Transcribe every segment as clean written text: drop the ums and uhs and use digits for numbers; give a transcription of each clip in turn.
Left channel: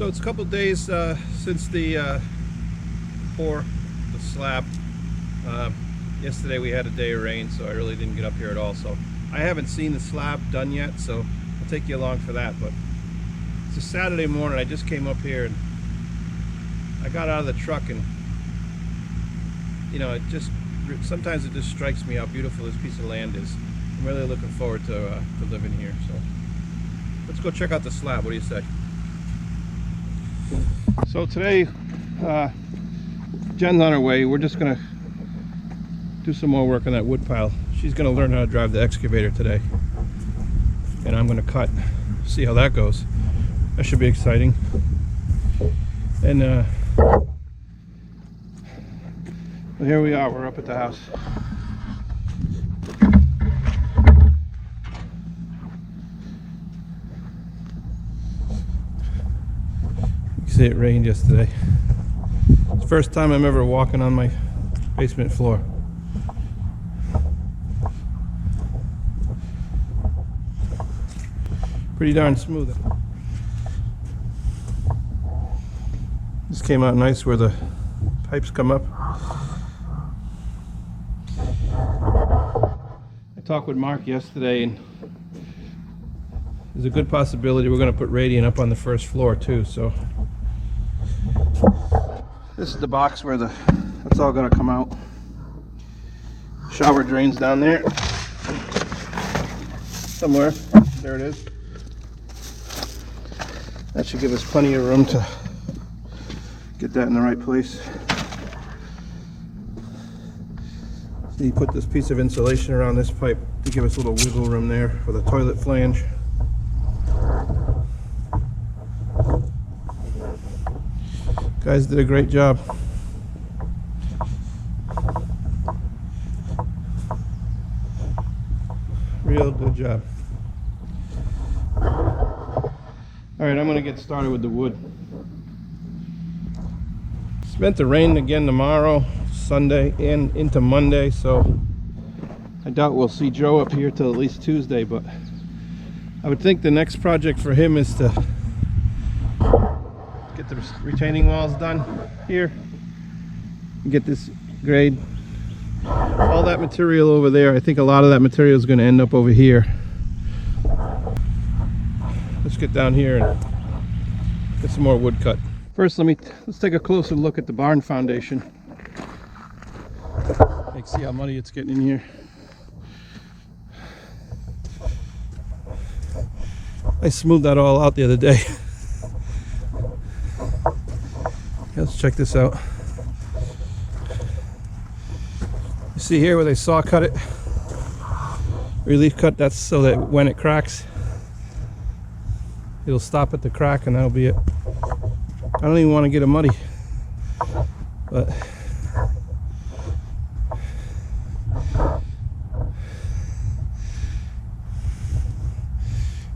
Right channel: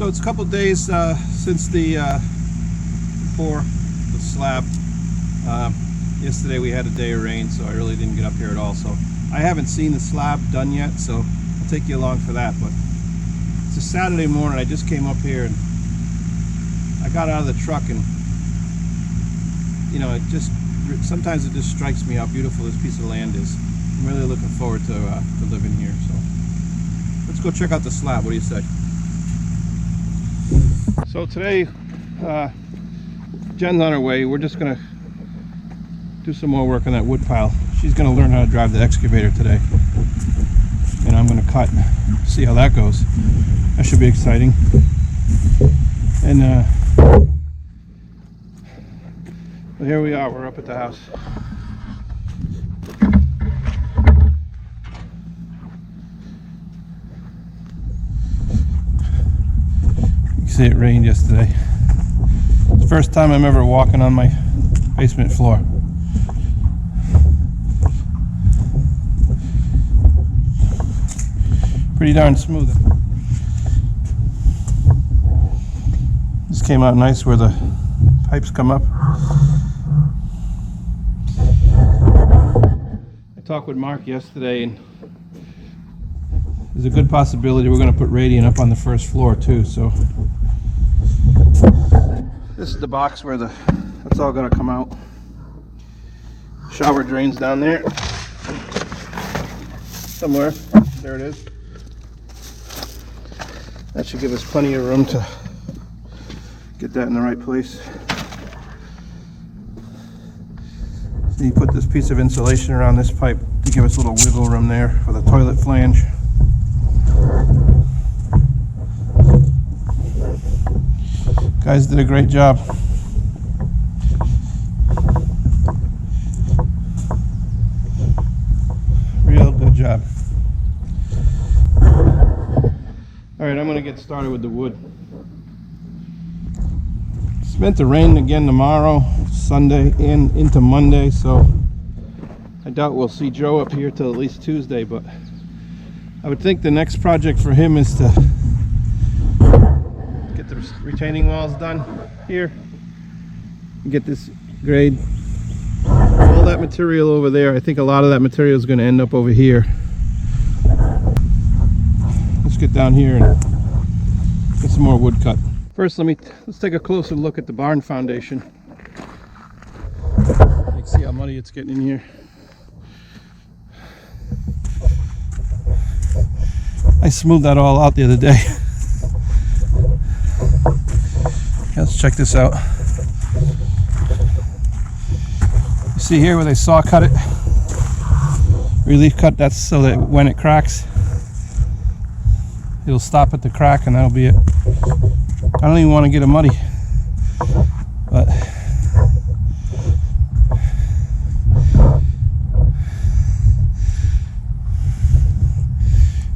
So it's a couple days since the pour the slab. Yesterday we had a day of rain, so I really didn't get up here at all. So I haven't seen the slab done yet, so I'll take you along for that. But it's a Saturday morning. I just came up here and I got out of the truck, and you know, sometimes it just strikes me how beautiful this piece of land is. I'm really looking forward to living here. So let's go check out the slab. What do you say? So today, Jen's on her way. We're just gonna do some more work on that wood pile. She's gonna learn how to drive the excavator today, and I'm gonna cut, see how that goes. That should be exciting. And well, here we are. We're up at the house. You can see it rained yesterday. It's the first time I'm ever walking on my basement floor. Pretty darn smooth. This came out nice where the pipes come up. I talked with Mark yesterday, and there's a good possibility we're going to put radiant up on the first floor too. So this is the box where that's all going to come out. Shower drains down there somewhere. There it is. That should give us plenty of room to get that in the right place. So you put this piece of insulation around this pipe to give us a little wiggle room there for the toilet flange. Guys did a great job. Real good job. Alright, I'm going to get started with the wood. It's meant to rain again tomorrow, Sunday, and into Monday, so I doubt we'll see Joe up here till at least Tuesday, but I would think the next project for him is to get the retaining walls done here and get this grade. All that material over there, I think a lot of that material is going to end up over here. Let's get down here and get some more wood cut. First, let's take a closer look at the barn foundation. You can see how muddy it's getting in here. I smoothed that all out the other day. Let's check this out. You see here where they saw cut it? Relief cut, that's so that when it cracks, it'll stop at the crack, and that'll be it. I don't even want to get it muddy, but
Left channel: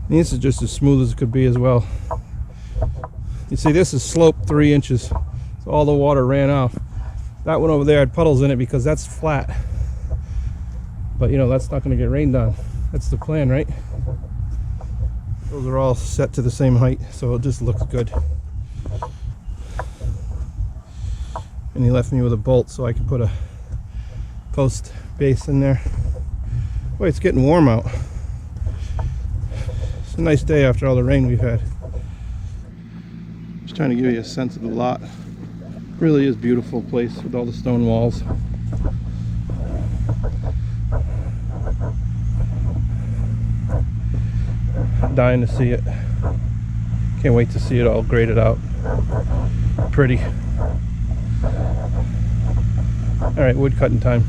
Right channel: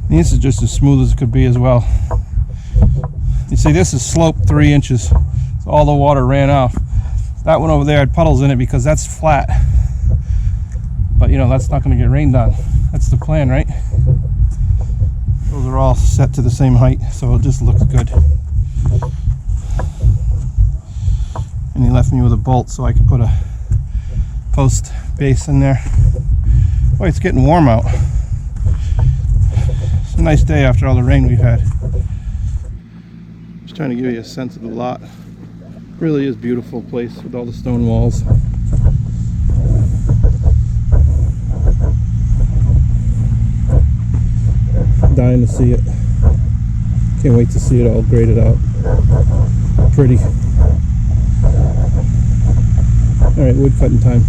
this is just as smooth as it could be as well. You see, this is sloped 3 inches, so all the water ran off. That one over there had puddles in it because that's flat, but you know, that's not going to get rained on. That's the plan, right? Those are all set to the same height, so it just looks good. And he left me with a bolt so I can put a post base in there. Boy, it's getting warm out. It's a nice day after all the rain we've had. Just trying to give you a sense of the lot. It really is a beautiful place with all the stone walls. Dying to see it. Can't wait to see it all graded out. Pretty. Alright, wood cutting time.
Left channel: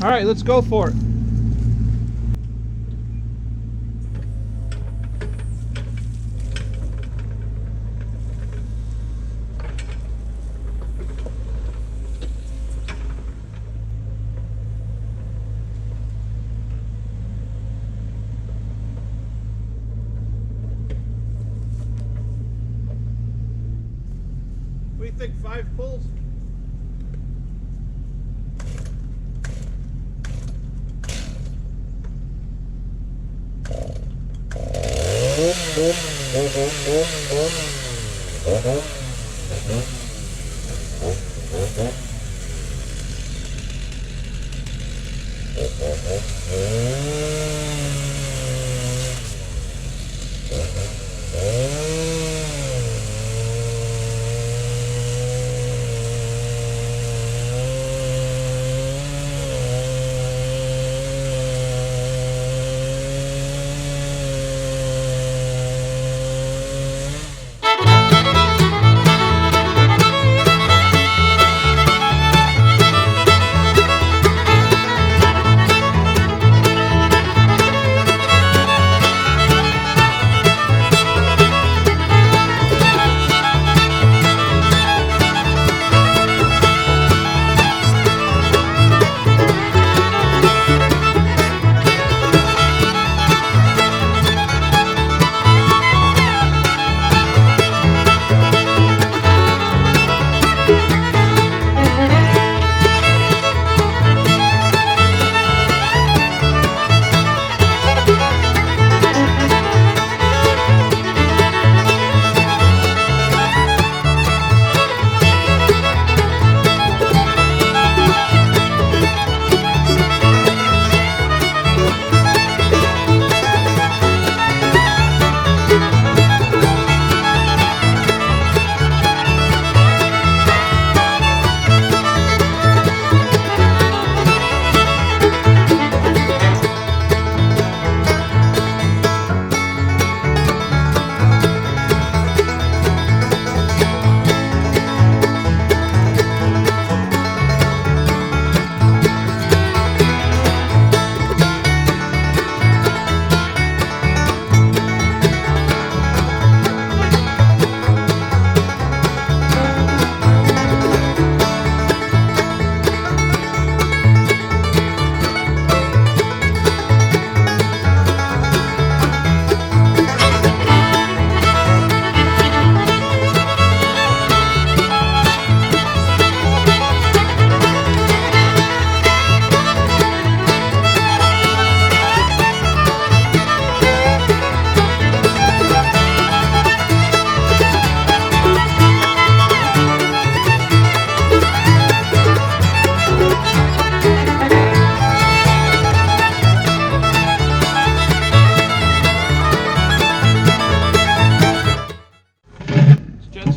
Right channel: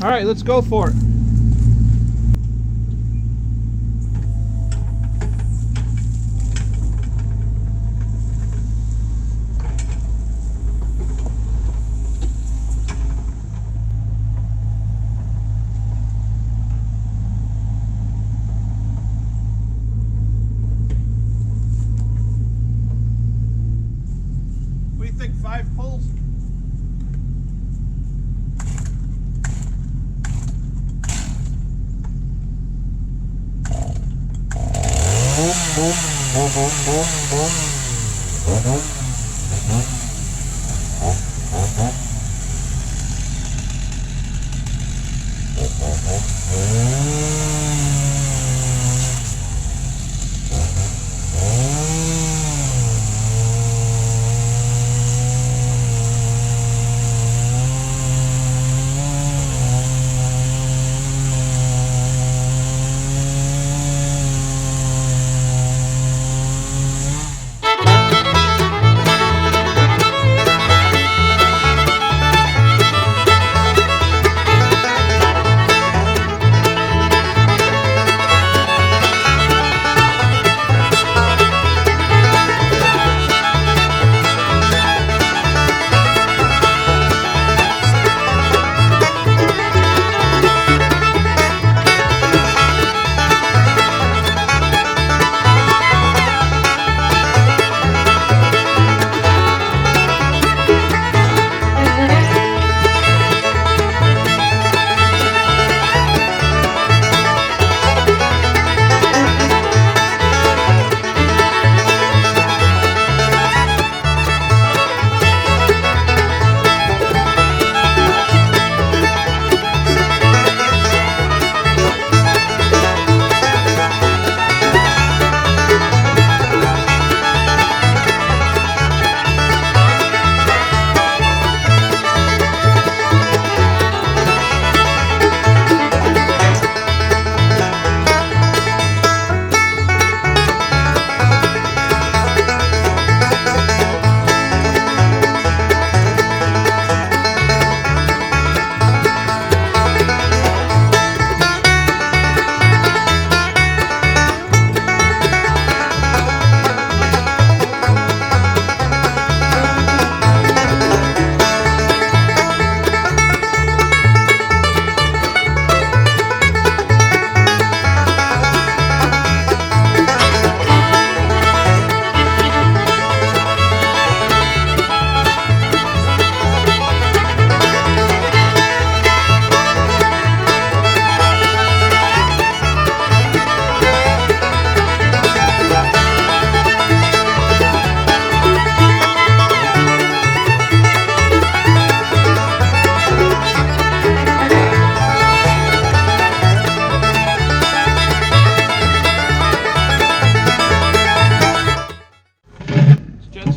Alright, let's go for it. What do you think, 5 pulls?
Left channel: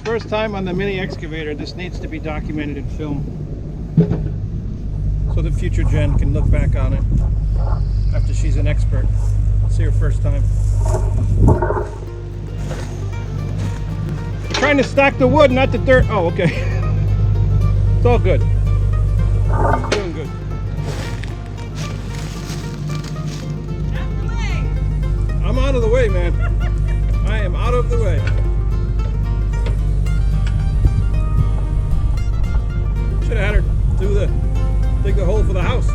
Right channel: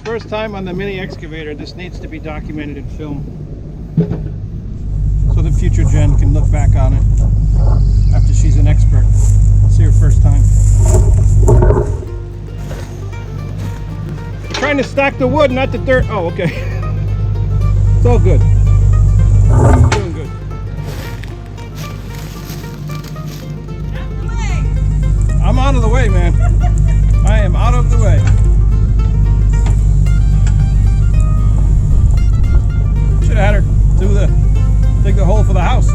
First time on the mini excavator. This needs to be documented in film so that future Jen can look back on it after she's an expert. It's her first time. I'm trying to stack the wood, not the dirt. Oh, okay. It's all good. Doing good. Out the way. I'm out of the way, man. I am out of the way. Should have had her dig the hole for the house.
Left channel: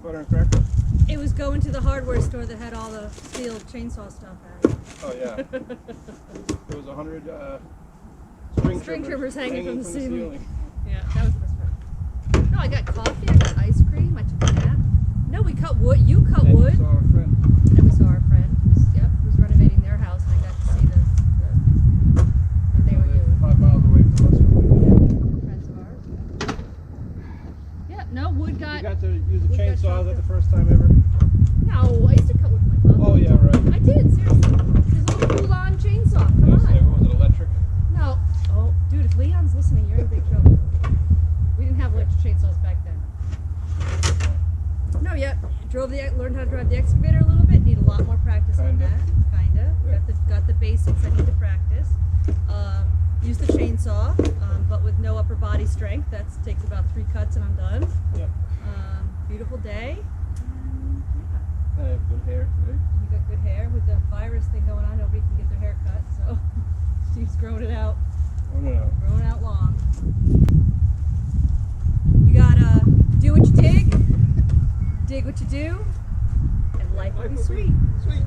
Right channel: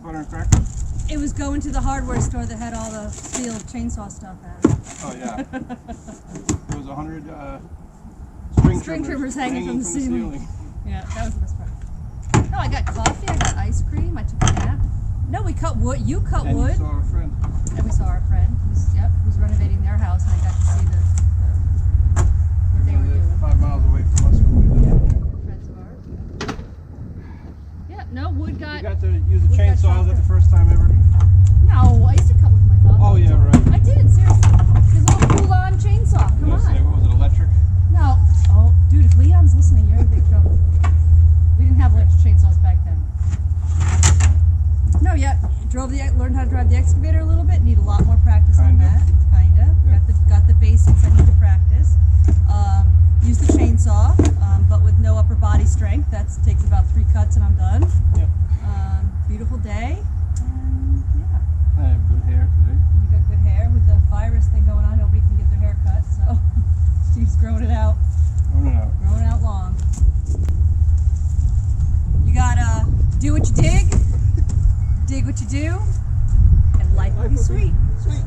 peanut butter and crackers? It was going to the hardware store that had all the steel chainsaw stuff at it. Oh yeah. There was 100 string trimmers hanging from the ceiling. Yeah, that was the best part. No, I got coffee, I got ice cream, I took a nap. No, we cut wood. You cut And wood. you saw our friend. And we saw our friend who's renovating their house, and I got to see what they were doing. 5 miles away from us. Yeah, friends of ours. Yeah, no, wood got. You got to use the wood got chainsaw. Is chopped that the up. first time ever? No, I used to cut wood with my father. Oh yeah, right. I did, seriously. This little full-on chainsaw. Come Let's on. say, what was it, electric? No. Oh, dude, if Leon's listening, you're in big trouble. We didn't have electric chainsaws back then. No, yeah, learned how to drive the excavator a little bit. Need a lot more practice on Kinda. that. Kinda. Yeah. Got the basics. I need to practice. Use the chainsaw, but with no upper body strength. That takes about 3 cuts and I'm done. Yeah. Beautiful day. And yeah, I have good hair today. you got good hair. With the virus thing going on, nobody can get their hair cut. So Steve's growing it out. Growing out long. You gotta do what you dig what you do, and life will be sweet. Sweet.